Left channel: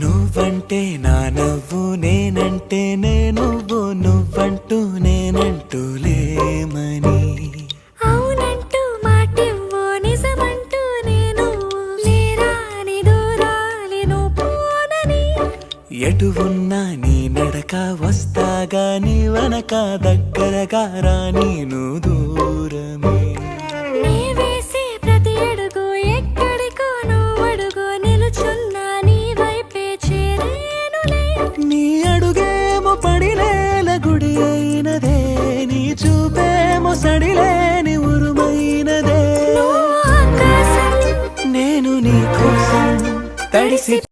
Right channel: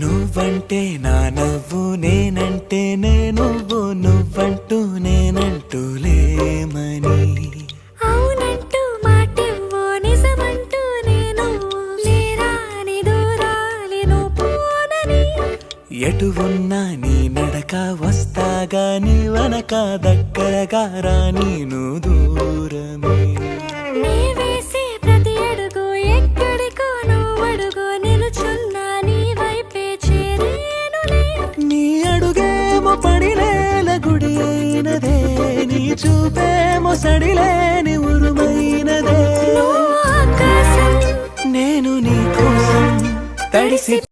నువ్వంటే నా నవ్వు నేనంటే నువ్వు నువ్వంటూ నేనంటూ లేమని అవునంటూ మాటివ్వు నిజమంటూ నేను లేరాని దూరాలిను పోనని ఎటు ఉన్నా నీ నడక వస్తాగా నీ వనక దగ్గరగా రాని నువ్వు దూరమే నీ వేసే ప్రతి అడుగు ఎక్కడికో నువ్వు అడుగు నిలుచున్నా నీ వైపే చేరేనులే నీ అడుగేమో పడినేల గుడి అయినదే నీ చూపేమో సడిలేని ఉరుమైనదే నువ్వు ఆకాశం నేను నీ కోసం తడిసి